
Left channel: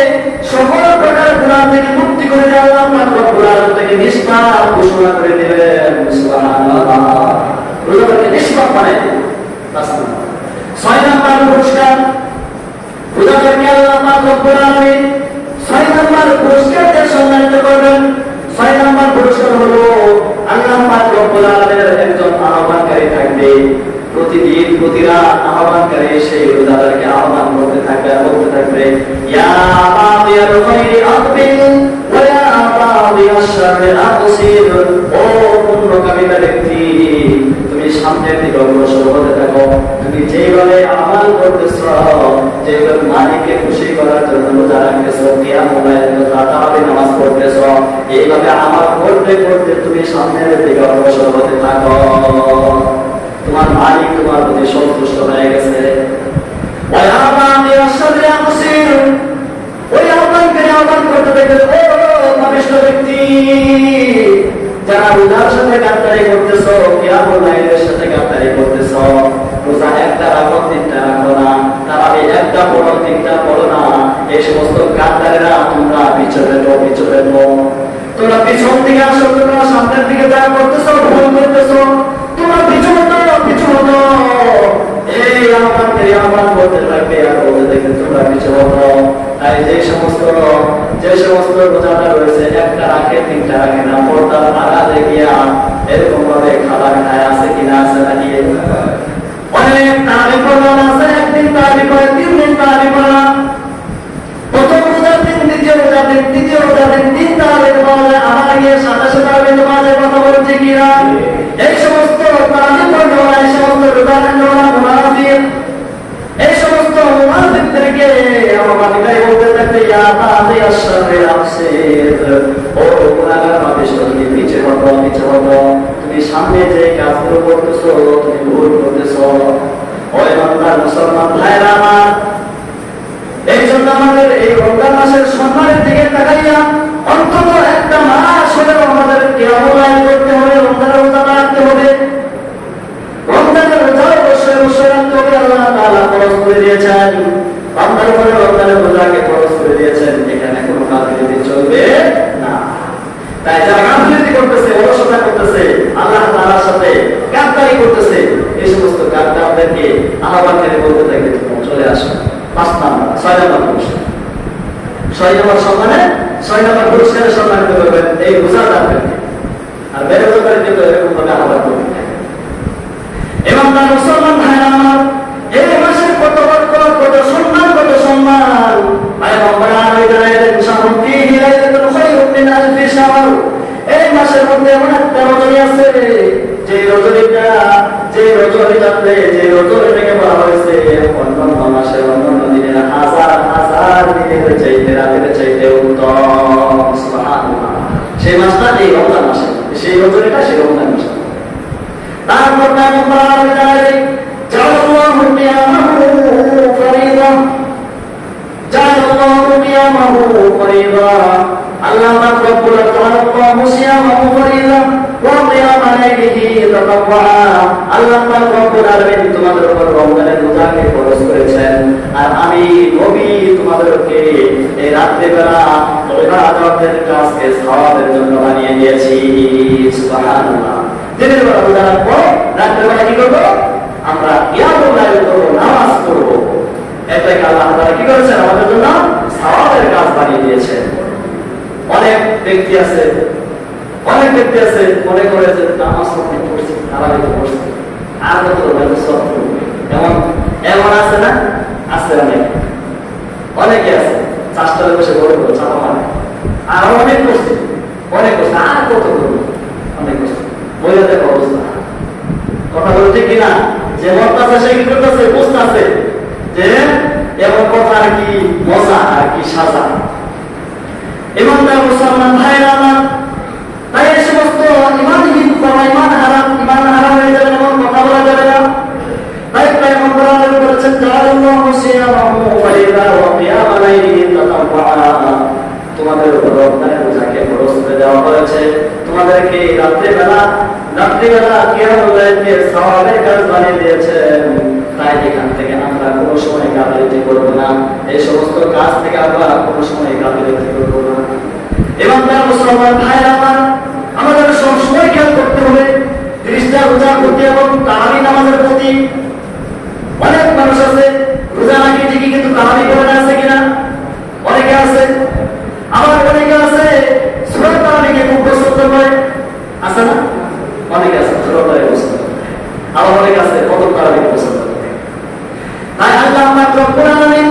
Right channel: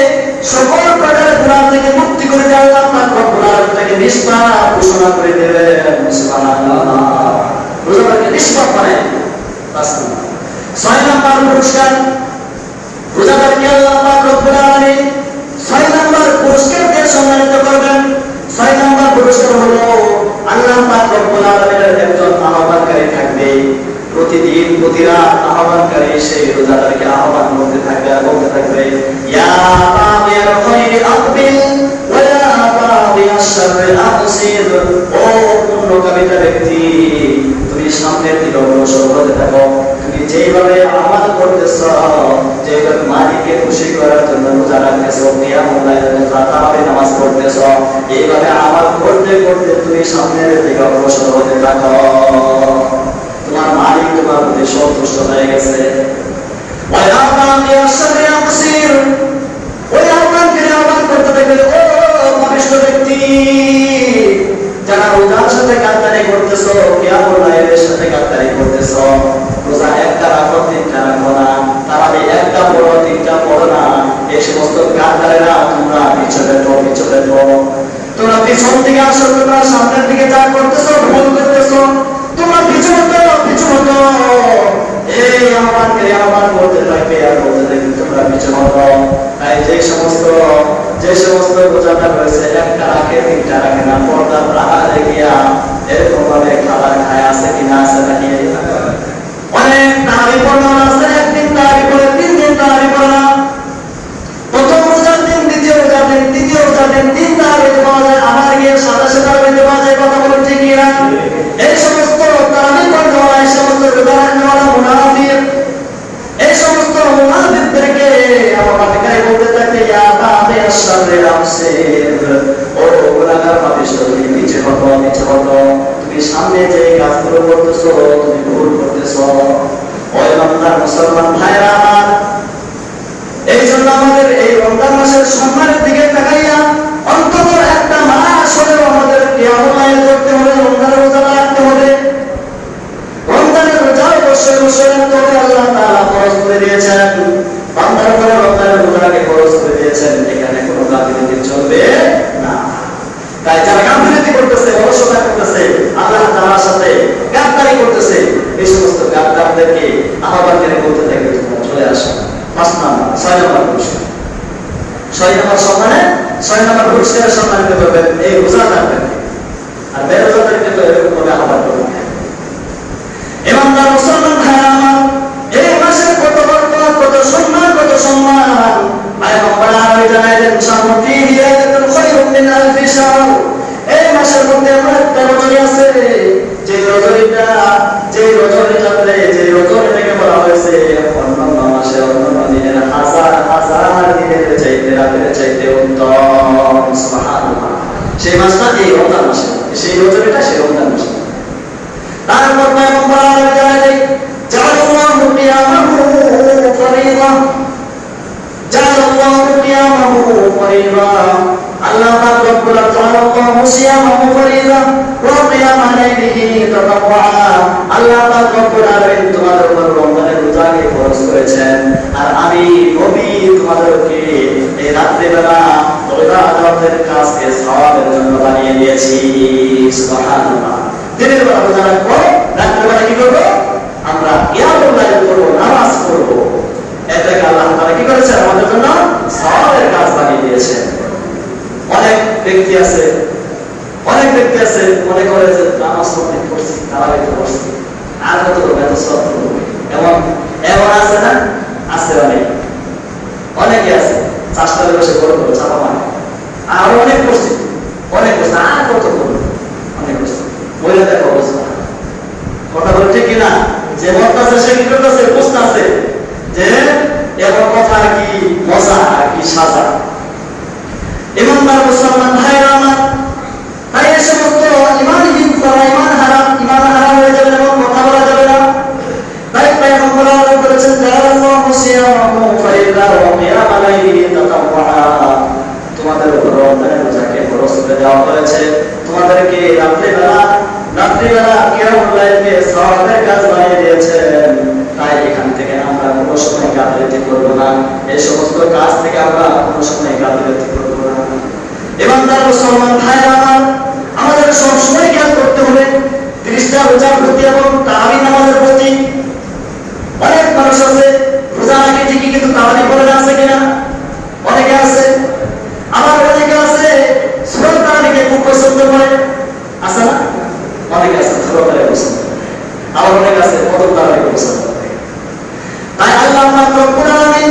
সকল প্রকার গুনাহ থেকে মুক্তি করে দিয়ে আল্লাহ পাক রব্বুল আলামিন থেকে নিষ্পাপ ঘোষণা করে দেবেন। সুবহানাল্লাহ। রোজাদারকে নিষ্পাপ বানায় দেবেন। 6 নম্বর পুরস্কার রোজাদারকে আল্লাহ পাক রব্বুল আলামিন 6 নম্বর পুরস্কার দিয়ে সম্মানিত করবেন। 6 নম্বর পুরস্কার হলো আল্লাহ পাক রব্বুল আলামিনের একজন আহ্বানকারী থাকবে। প্রতিদিন প্রতি রাত আহ্বানকারী সেই রোজাদারকে আহ্বান করতে থাকবে, ইয়া বাগিয়াল খায়রি আকবিল ওয়া ইয়া বাগিয়াশ শাররি আকসির। ও পুণ্যকামিতা ব্যক্তি, তুমি সামনের দিকে অগ্রসর হতে থাকো। তুমি যেভাবে আমল করতেছ, যেভাবে মালিককে খুশি করার জন্য রোজা রাখতেছ, কিয়ামুল লাইলে তারাবি নামাজ পড়তেছ, এইভাবে আমল করতে করতে তুমি সামনের দিকে অগ্রসর হতে থাকো। তোমার মালিক তোমার প্রতি সন্তুষ্ট হয়ে গেছে। ওই আহ্বানকে আহ্বান করতে দেখবে, ও পাপিষ্ঠ ব্যক্তি, যারা রোজার সাথে গাদ্দারি করতেছ, কিয়ামুল লাইলের সাথে গাদ্দারি করতেছ, রোজা একটা রাখো, 3টা রাখো না, তাহলে একটা পড়ো, 3টা পড়ো না, এই সমস্ত গাদ্দারেরা তোমরা পিছনে তোমরা পিছন থেকে আসো, তোমরা সামনের দিকে যা করতেছ ভুল করতেছ, তোমরা পিছু হতো। এই আহ্বান করতে থাকবে আর বলতে থাকবে তোমরা পিছু হতো। তাই যে সমস্ত রোজাদার রয়েছে, একটা রাখে, 3টা রাখে না, পর্দার আড়ালে গিয়া এরকম ভাবে খাবার খায় আছে কিনা, আছে নাকি? অনেক তারাবি পড়া আছে, একদিন তারাবি পড়ে, 3 দিন তারাবি পড়ে না। প্রথম রোজার দিন, দ্বিতীয় রোজার দিন, তৃতীয় রোজার দিন 3 তারাবি দেওয়া যায়, আবার গিয়ে 27 তারাবি দেওয়া যায়। কথা বলুন ঠিক কিনা? এই সমস্ত তারাবি পড়া, এই সমস্ত রোজা রাখা মুনাফিক, এই সমস্ত মুনাফিকদেরকে আহ্বানকারী বলতে থাকতে, ইয়া বাগিয়াশ শাররি আকসির। ও গুনাহগার পাপিষ্ঠ, তুমি নিচে হটো। তুমি সামনে যে কাজগুলো করতেছো, তুমি ভুল করতেছো। ওই বাংলার মুসলমান ভাইরা আমার, এই জন্য আমাদের এই রমজান মাসের সম্মানের দিকে তাকাইয়া অন্তত একটা মাস হলেও আমাদের কিয়ামুল লাইল করতে হবে, রমজানের রোজা রাখতে হবে। রমজানের রোজা অবশ্যই রাখতে হবে। আল্লাহ তাআলা ফরজ করে দিয়েছেন, বান্দার উপর রমজানের রোজাকে ফরজ করে দিয়েছেন। এখানে কোনো গাফিলতি চলবে না। তাই যারা গাফিলতি করতেছে, অলসতা করতেছে, আল্লাহ তাআলার সাথে গাদ্দারি করতেছে, এই সমস্ত গাদ্দারদেরকে আহ্বান করে বলতে থাকবে, তোমরা চলে আসো। 6 নম্বর পুরস্কার। 6 নম্বর সম্মানে 6 নম্বর পুরস্কারের সম্মানিত করবেন এই রোজাদারদের। আর বেরোজাদারকে তো এরকম ভাবে আহ্বান করবেন। এবং তার মুসলমান ভাইরা আমার, এই মাসের কত বরকত, কত সম্মান, পয়গম্বর আলাইহিস সালাম শাহরুল ফিহি লাইলাতুল খায়রুম মিন আলফি শাহর। এই মাসের মধ্যে এমন একটা রজনী আছে, যে রজনীটাকে বলা হয়েছে অন্যান্য মাসের, অন্যান্য দিনের হাজার দিনের চাইতে, রাতের চাইতে উত্তম। সুবহানাল্লাহ। সেই মাসটা এই রমজান মাসে, সেই রজনীটা সেই রমজান মাসে। তারপর পয়গম্বর আলাইহিস সালাম জাআলাল্লাহু কিয়ামাহু ফরিদা, জাআলাল্লাহু কিয়ামাহু ফরিদা। আল্লাহ পাক রব্বুল জাআলাল্লাহু সিয়ামাহু ফরিদা ওয়া কিয়ামা লাইলিহি তাতাওয়া। আল্লাহ পাক রব্বুল আলামিন তোমাদের উপর রমজানের রোজাকে ফরজ করেছেন, আর আমি নবী তোমাদেরকে এই রাত্রি বেলা রোজাদারদের কাছে সওয়াবের জন্য বানিয়ে দিয়েছি। সুবহানাল্লাহ। দিনের বেলা রোজা রাখবো, রাত্রে বেলা কি করবো? আমরা কিয়ামুল লাইল করবো, নামাজ পড়বো। এতে আল্লাহ তাআলা কি করেছেন? আমাদের জন্য সওয়াবের কাজ বানিয়ে দিয়েছেন। অনেক ব্যক্তি আছে মনে করে যে নামাজ পড়ছি, তারাবি পড়ছি, আর কত করবো, এত সওয়াব করবো। এমন আছে না? আছে অনেকে আছে, চাষতলায় বসে করবো, চাপা মানে আর অনেক করছে, আর কত করবো, অনেক করছে। বলে দেখো অবস্থা, কথা বলছে কিনা? যে মরতাছে সে কি করতেছে, বুঝতেছে যে এমন কথার কি মজা আর কি সাজা। ইমানদার মুসলমান ভাইরা আমার, তাই এই সমস্ত ইমানহীন করা, ইমান হারাম হয়ে যাবে, এমন কথা বলা যাবে না। তাই পয়গম্বর বলেছেন, জালাল্লাহু সিয়ামাহু ফাইদা ওয়াকিয়া আলাইহি তাতাওয়া, তোমাদের উপর রমজানের রোজাকে ফরজ করে দেওয়া হয়েছে, তোমাদেরকে রাত্রিবেলা কিয়ামুল লাইলকে সওয়াবের কাজ বানিয়ে দিয়েছেন। তাই এখান থেকে আমরা কোনো সময় গাফিলতি করব না, এই সমস্ত কাজ থেকে আমরা কোনো সময় গাফিলতি করব না। ইমানদার মুসলমান ভাইরা আমার, আমাদের সব সময় খেয়াল করতে হবে 30টা রোজার প্রতি এবং তারাবি নামাজের প্রতি। অনেক মানুষ আছে রোজা রাখে ঠিকই, কিন্তু তারাবি পড়ে না, আছে কিনা? অনেকে আছে। আবার অনেকে আছে সূরা তারাবিকে খুব পছন্দ করে, আছে না? অনেকে আছে সূরা তারাবি পছন্দ করে, আবার অনেকে আছে কদম তারাবি পছন্দ করে। তাই আল্লাহ পাক রব্বুল আলামিন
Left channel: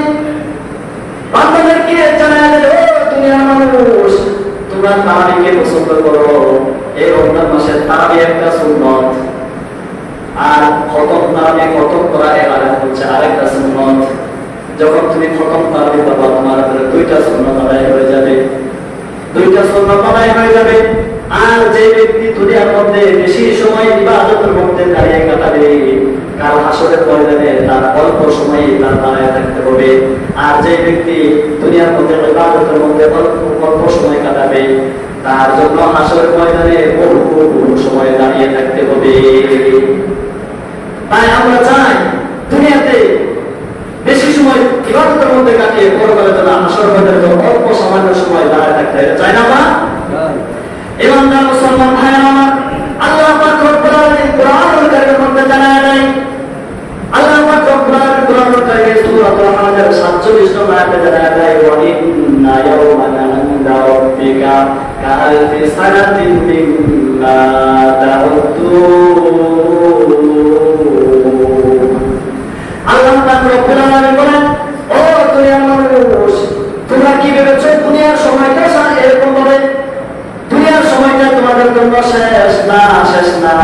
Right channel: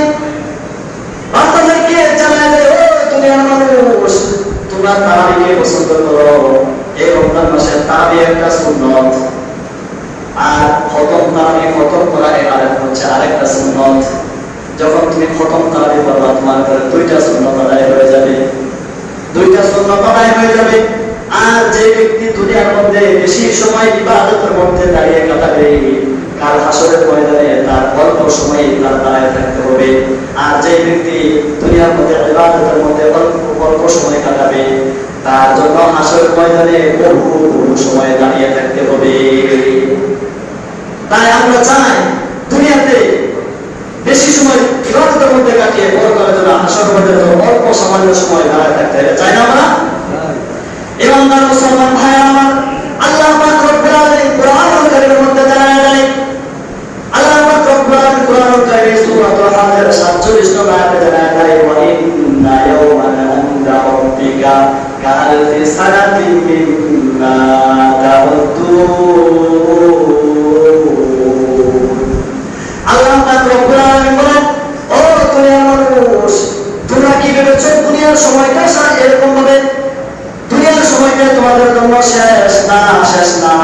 বান্দাদেরকে জানায় যে, ও দুনিয়ার মানুষ, তোমরা তারাবিকে পছন্দ করো। এই রমজান মাসের তারাবি একটা সুন্নাত, আর খতম তারাবি খতম করা হচ্ছে আরেকটা সুন্নাত। যখন তুমি খতম তারাবি পড়বা, তোমার উপরে 2টা সুন্নাত আদায় হয়ে যাবে, 2টা সুন্নাত আদায় হয়ে যাবে। আর যে ব্যক্তি দুনিয়ার মধ্যে বেশি সময় ইবাদতের মধ্যে দাঁড়িয়ে কাটাবে, কাল হাসরের ময়দানে তার অল্প সময় তার দাঁড়িয়ে থাকতে হবে। আর যে ব্যক্তি দুনিয়ার মধ্যে ইবাদতের মধ্যে অল্প সময় কাটাবে, তার জন্য হাসরের ময়দানে বহু সময় দাঁড়িয়ে থাকতে হবে। তাই আমরা চাই দুনিয়াতে বেশি সময় ইবাদতের মধ্যে কাটিয়ে পরকালে যেন হাসরের ময়দানে অল্প সামান্য সময় দাঁড়িয়ে থাকতে চাই না আমরা। ইমানদার মুসলমান ভাইরা আমার, আল্লাহ পাক রব্বুল আলামিন কোরআনুল কারীমের মধ্যে জানায় দেয়, আল্লাহ পাক রব্বুল আলামিন কোরআনুল কারীমের সূরাতুল হাজর 47 নম্বর আয়াতে জানায় দেয়, ওয়া ইন্না ইয়াওমান ইনদা রাব্বিকা কাআলফি সানাতিন মিম্মা তাউদ্দুন। আল্লাহ পাক রব্বুল আলামিন বলেন, ও দুনিয়ার মানুষ, তোমরা কি ভেবেছো দুনিয়ার সময়টা এরকম হবে? দুনিয়ার সময়টা তোমাদের জন্য শেষ না, শেষ না।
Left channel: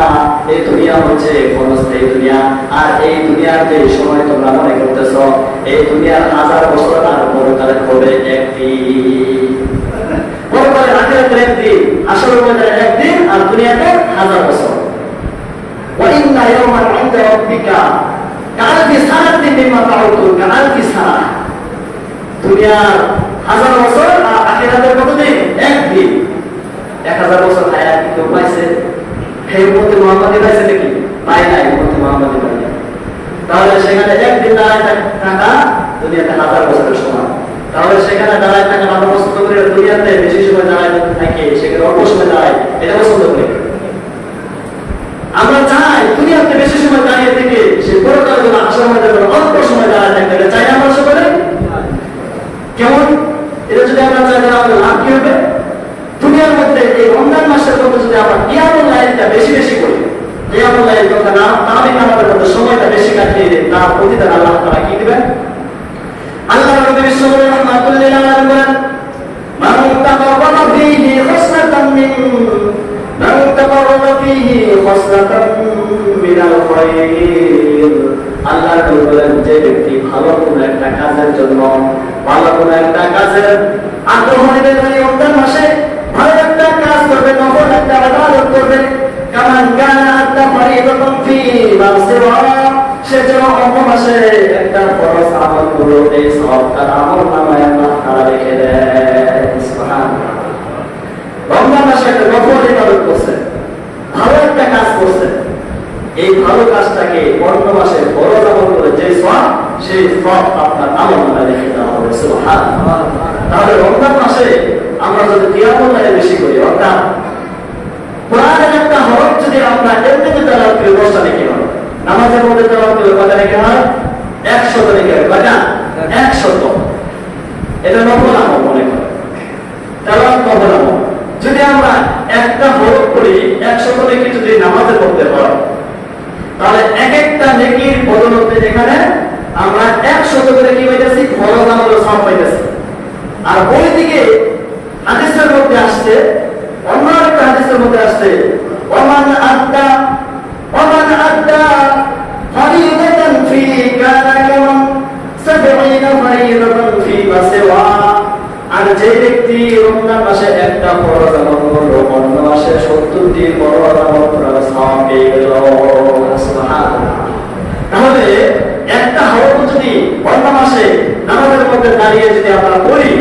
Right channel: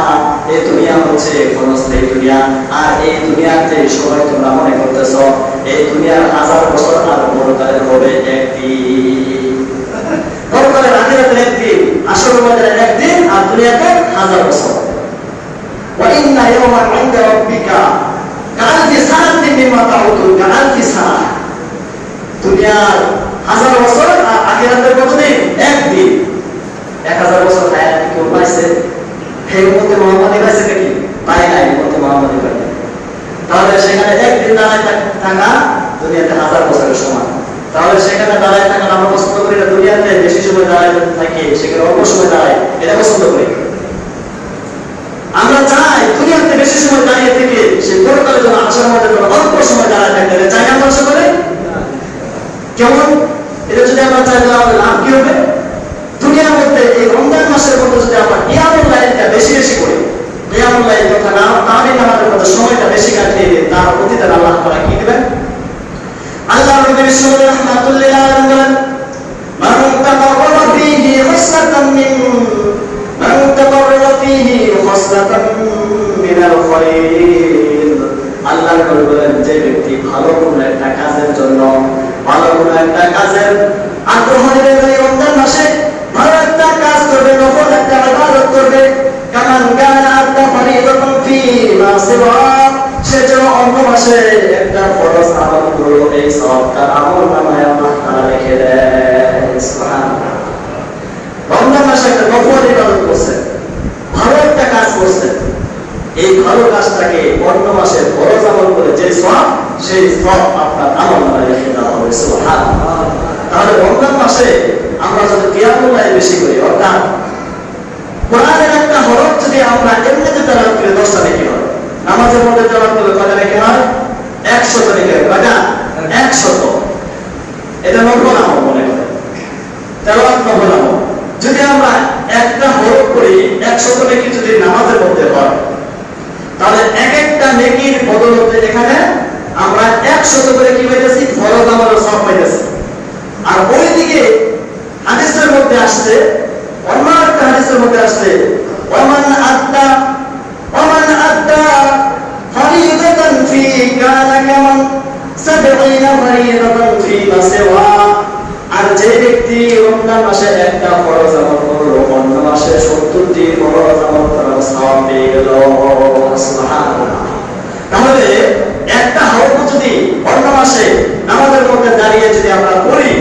এই দুনিয়া হচ্ছে ক্ষণস্থায়ী দুনিয়া। আর এই দুনিয়াতে সময় তোমরা মনে করতেছ এই দুনিয়ার 1000 বছর, আর পরকালে হবে একদিন। পরকালের আখিরাতের একদিন, আসরের ময়দানের একদিন, আর দুনিয়াতে 1000 বছর। ওয়া ইন্না ইয়াওমান ইনদা রাব্বিকা কাআলফি সানাতিন মিম্মা তাউদ্দুন, কাআলফি সানা। দুনিয়ার 1000 বছর আর আখিরাতের কতদিন? একদিন। 1000 বছর হায়াত কেউ পাইছে? সেই উম্মতে মুহাম্মাদি পাইছে নাকি? পায় নাই, উম্মতে মুহাম্মাদি পায় নাই। তাহলে সেখানে একদিন দাঁড়ায় থাকা দুনিয়াতে 1000 বছরের সমান। তাহলে সেখানে দাঁড়ায় থাকা আমরা পছন্দ করি, দুনিয়াতে বেশি সময় দাঁড়ায় থাকি, সেখানে অল্প সময় দাঁড়ায়, এটা পছন্দ করি। আমরা চাই দুনিয়াতে বেশি সময় দাঁড়িয়ে থেকে সে পরকালের জন্য আসার মধ্যে অল্প সময় দাঁড়ায় থাকতে চাই আমরা সকলে। কেমন? এটা যদি আমরা চাই তাহলে লাভ কি হবে? দুনিয়ার মধ্যে এই রমজান মাসের মধ্যে যদি আমরা কিয়ামুল লাইলটা বেশি বেশি করি, কিয়ামুল লাইল তথা তারাবি নামাজের মধ্যে সময়টা বেশি কাটিয়ে দিই, তার প্রতিদান আল্লাহ তাআলা কি দিবেন? আল্লাহ নবী সাল্লাল্লাহু আলাইহি ওয়াসাল্লাম বলেন, মান তাকাররাবা ফীহি খাসলাতান মিনাল খায়র। আল্লাহ নবী বলেন, যে ব্যক্তি ভালো কোনো একটা কাজের জন্য, ভালো কোনো একটা কাজের আগ্রহ নিবে, এই রমজান মাসে ভালো একটা কাজ করবে, নফল একটা ইবাদত করবে, কামান কানা আদা ফরিদাতুন ফি রাসিবা, সে যেন অন্য মাসে একটা ফরজ আমল করলো, এই সওয়াবটার আমল নামায় আল্লাহ তাআলা লিখে দেন। সুবহানাল্লাহ। রমজান মাসে একটা নফল ইবাদত করছে, ভালো একটা কাজ করছে, এই ভালো কাজটাকে অন্য মাসে ফরজ আমল করে যে সওয়াব, সেই সওয়াব আপনার আমল নামায় লিখে দেওয়া হবে। সুবহানাল্লাহ। তাহলে রমজান মাসে আমরা যদি কিয়ামুল লাইল বেশি করি, অর্থাৎ কোরআনের একটা হরফ যদি আমরা এমনিতে তেলাওয়াত করি 10টা নেকি হয়, নামাজের মধ্যে তেলাওয়াত করলে কয়টা নেকি হয়? 100 নেকি হয়। কয়টা? 100। এটা নফল আমল মনে করো, তেলাওয়াত নফল আমল। যদি আমরা একটা হরফ করি 100 নেকি যদি নামাজের মধ্যে হয়, তাহলে এক একটা নেকির বদলতে এখানে আমরা 100 করে কি হইতেছি? ফরজ আমলের সওয়াব পাইতেছি। আর ওইদিকে হাদিসের মধ্যে আসছে, অন্য একটা হাদিসের মধ্যে আসছে, ওমান আদ্দা আর যে ব্যক্তি রমজান মাসে একটা ফরজ আমল করলো, অন্য মাসে 70টি ফরজ আমল করার সওয়াব পেয়ে গেল। সুবহানাল্লাহ। তাহলে একটা হরফ যদি অন্য মাসে নামাজের মধ্যে দাঁড়িয়ে যদি আমরা পড়ি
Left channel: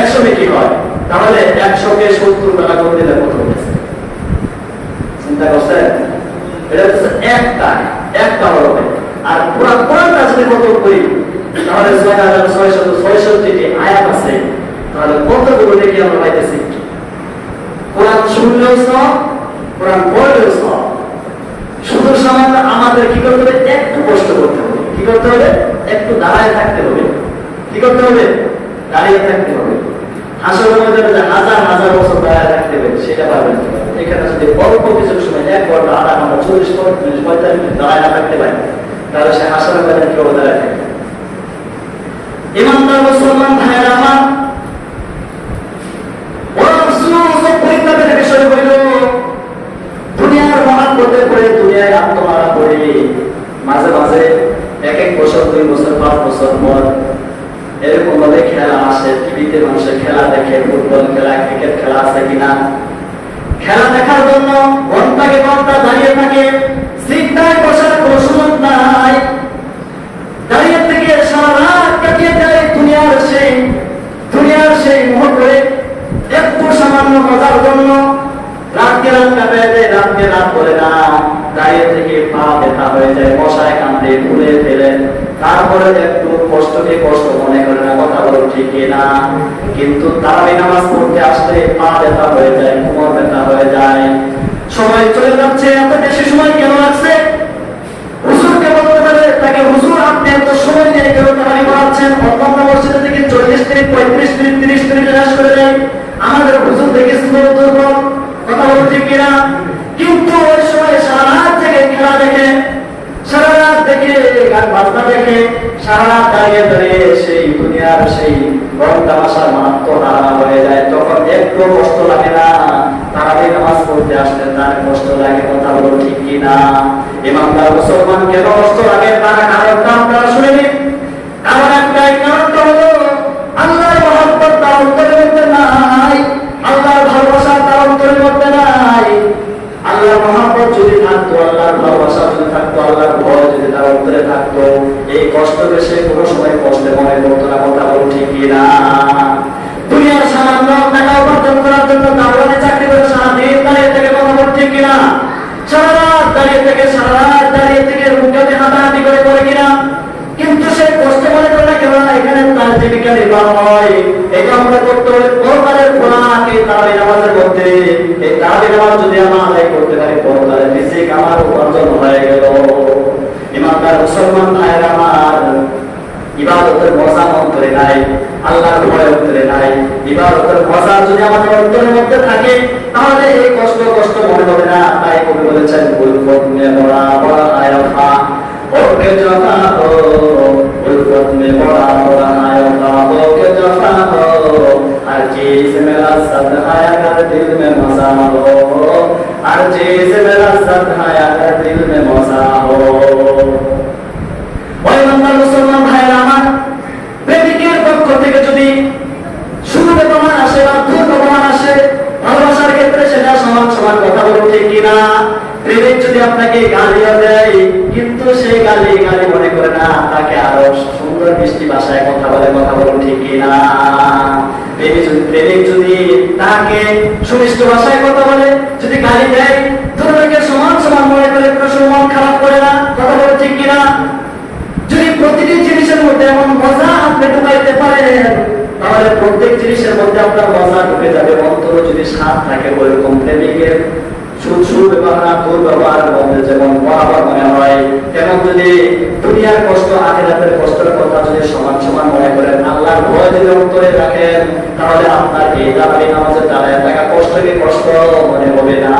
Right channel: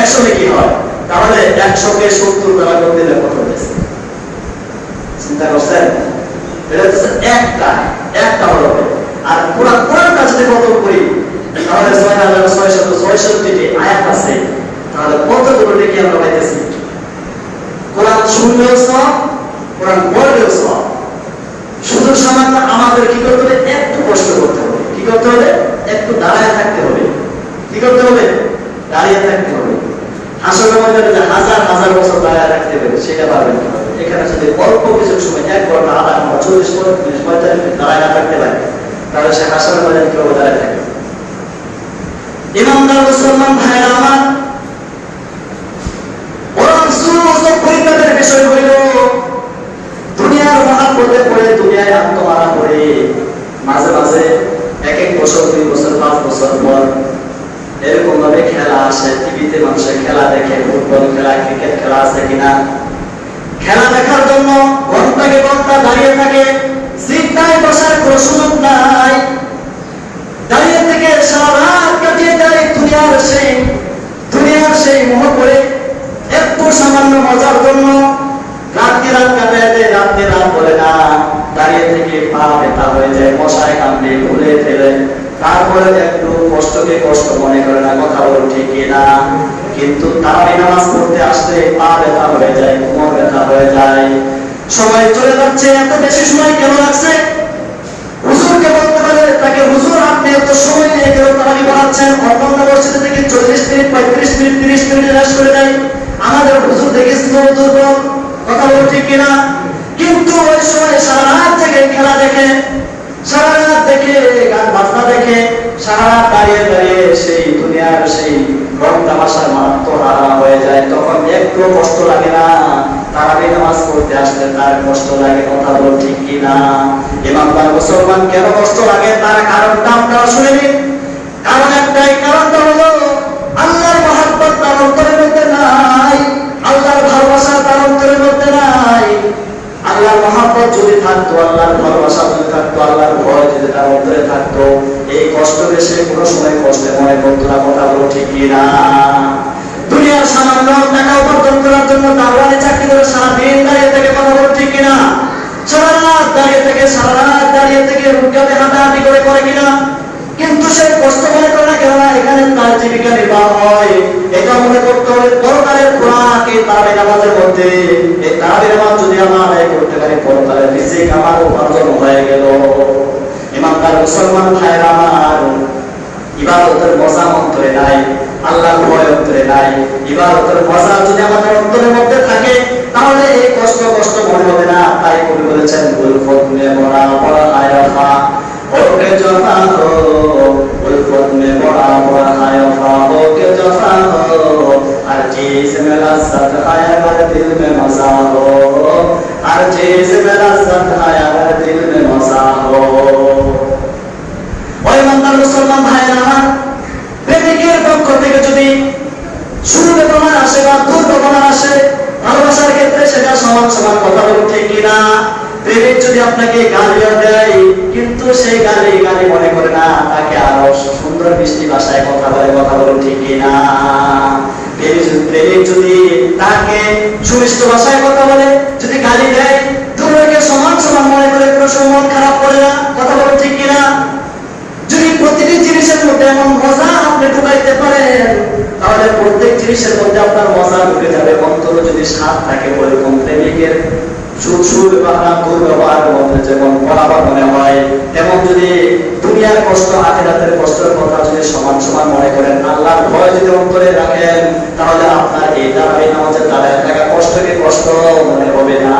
100 কি হয়, তাহলে 100 কে 70 দ্বারা গুণ দিলে কত হয়েছে চিন্তা করছেন? এটা হচ্ছে একটা হরফ। আর পুরো কোরআনটা যদি কত করি তাহলে 6666 টি আয়াত আছে, তাহলে কতগুলো দেখি আমরা পাইতেছি। কোরআন শুনলেও সওয়াব, কোরআন পড়লেও সওয়াব। শুধু সামান্য আমাদের কি করতে হবে? একটু কষ্ট করতে হবে। কি করতে হবে? একটু দাঁড়ায় থাকতে হবে। কি করতে হবে? দাঁড়িয়ে থাকতে হবে। হাসর ময়দানে যে হাজার হাজার বছর দাঁড়ায় থাকতে হবে সেটা পাবেন না। এখানে যদি অল্প কিছু সময় 1 ঘন্টা, আধা ঘন্টা, 40 মিনিট, 45 মিনিট দাঁড়ায় না থাকতে পারে, তাহলে সে হাসর ময়দানে কেউ দাঁড়ায় থাকে। ইমানদার মুসলমান ভাইয়েরা আমার, বড় আফসোস ও পরিতাপের বিষয় হইল দুনিয়ার মহাপথে পড়ে, দুনিয়ায় আত্মমারা পড়ে মাঝে মাঝে 1 বছর, 2 বছর, 5 বছর পর এরকম ভাবে খেলা আসে। টিভিতে মানুষের খেলা দেখে, ফুটবল খেলা, ক্রিকেট খেলা আছে কিনা, খেলা দেখার জন্য ঘন্টাকে ঘন্টা দাঁড়িয়ে থাকে। সিট নাই, বসার কোনো সুযোগ নাই, দাঁড়িয়ে থেকে সারা রাত কাটিয়ে যায় দুনিয়ার সেই মোহ করে একটু সামান্য মজার জন্য রাতকে রাত কাটায় দেয়। রাতকে রাত বলে না, দাঁড়িয়ে থেকে পা ব্যথা হয়ে যায়, মশায় কামড়ে ভুলে ফেলে, তারপরে একটু কষ্টকে কষ্ট মনে করে না। কথা বলো ঠিক কিনা? কিন্তু তারাবি নামাজ পড়তে আসলে পা ব্যথা হয়ে যায়, কোমর ব্যথা হয়ে যায়। সময় চলে যাচ্ছে, এত বেশি সময় কেন লাগছে? হুজুরকে বলতে পারে তাকে, হুজুর আপনি এত সময় নিয়ে কেন তারাবি পড়াচ্ছেন? অন্য মসজিদ থেকে 40 মিনিট, 35 মিনিট, 30 মিনিট শেষ করে দেয়। আমাদের হুজুর দেখেছি দুর্বল। কথা বলো ঠিক কিনা? কিন্তু ওই সময় সারা রাত থেকে খেলা দেখে, সারা রাত দেখে গান বাজনা দেখে, সারা রাত দাঁড়িয়ে দাঁড়িয়ে সেই দুনিয়ার সেই রং তামাশার মাত্র হারা হয়ে যায়। তখন একটু কষ্ট লাগে না? তারাবি নামাজ পড়তে আসলে তার কষ্ট লাগে। কথা বলো ঠিক কিনা? ইমানদার মুসলমান কেন কষ্ট লাগে তার কারণটা আপনারা শুনে নিন। কারণ একটাই, কারণটা হলো আল্লাহর মহব্বত তার অন্তরের মধ্যে নাই, আল্লাহর ভালোবাসা তার অন্তরের মধ্যে নাই। আল্লাহর মহব্বত যদি থাকতো, আল্লাহর ভালোবাসা যদি থাকতো, আল্লাহর ভয় যদি তার অন্তরে থাকতো, এই কষ্টকে সে কোনো সময় কষ্টে মনে করতো না। কথা বলো ঠিক কিনা? দুনিয়ার সামান্য টাকা উপার্জন করার জন্য দারোয়ানে চাকরি করে সারা দিন দাঁড়িয়ে থেকে, কথা বলো ঠিক কিনা? সারা রাত দাঁড়িয়ে থেকে রুকাতে হাঁটাহাঁটি করে কিনা? কিন্তু সে কষ্ট মনে করে না। কেননা এখানে তার জীবিকা নির্বাহ হয়। এটা মনে করতে হবে পরকালের খোরাক এই তারাবি নামাজের মধ্যে। এই তারাবি নামাজ যদি আমরা আদায় করতে পারি, পরকালের রিজিক আমার উপার্জন হয়ে গেল। ইমানদার মুসলমান ভাইয়েরা আমার, ইবাদতের মজা অন্তরে নাই, আল্লাহর ভয় অন্তরে নাই। ইবাদতের মজা যদি আমাদের অন্তরের মধ্যে থাকে, তাহলে এই কষ্ট মনে হবে না। তাই কবি বলেছেন, উলফত মে বড়া বড়া আয়াফা ওকে জফা হো, উলফত মে বড়া বড়া আয়াফা ওকে জফা হো, हर चीज में लज्जत है अगर दिल में मजा हो, हर चीज में लज्जत है अगर दिल में मजा हो। ওই বান্দার মুসলমান ভাইরা আমার, প্রেমিকের পক্ষ থেকে যদি সুবেদনা আসে বা দুর্বেদনা আসে, ভালোবাসার ক্ষেত্রে সেটা সমান সমান। কথা বলো ঠিক কিনা? প্রেমিক যদি আপনাকে গালিও দেয়, কিন্তু সেই গালি মনে করে না, তাকে আরো সুন্দর মিষ্টি ভাষায় কথা বলে। কথা বলো ঠিক কিনা? প্রেমিক যদি তাকে সুমিষ্ট ভাষায় কথা বলে, যদি গালি দেয়, দুর্ভাগ্যের সমান সমান মনে করে, কোনো মন খারাপ করে না। কথা বলো ঠিক কিনা? যদি প্রতিটি জিনিসের মধ্যে এমন মজা আপনি ঢুকাইতে পারেন, তাহলে প্রত্যেক জিনিসের মধ্যে আপনার মজা ঢুকে যাবে। অন্তর যদি স্বাদ থাকে, ওরকম প্রেমিকের সুব্যবহার দুর্ব্যবহারের মধ্যে যেমন বরাবর মনে হয়, তেমন যদি দুনিয়ার কষ্ট, আখিরাতের কষ্টের কথা যদি সমান সমান মনে করেন, আল্লাহর ভয় যদি অন্তরে রাখেন, তাহলে আপনার এই তারাবি নামাজের দ্বারা থাকা কষ্টকে কষ্ট মনে হবে না।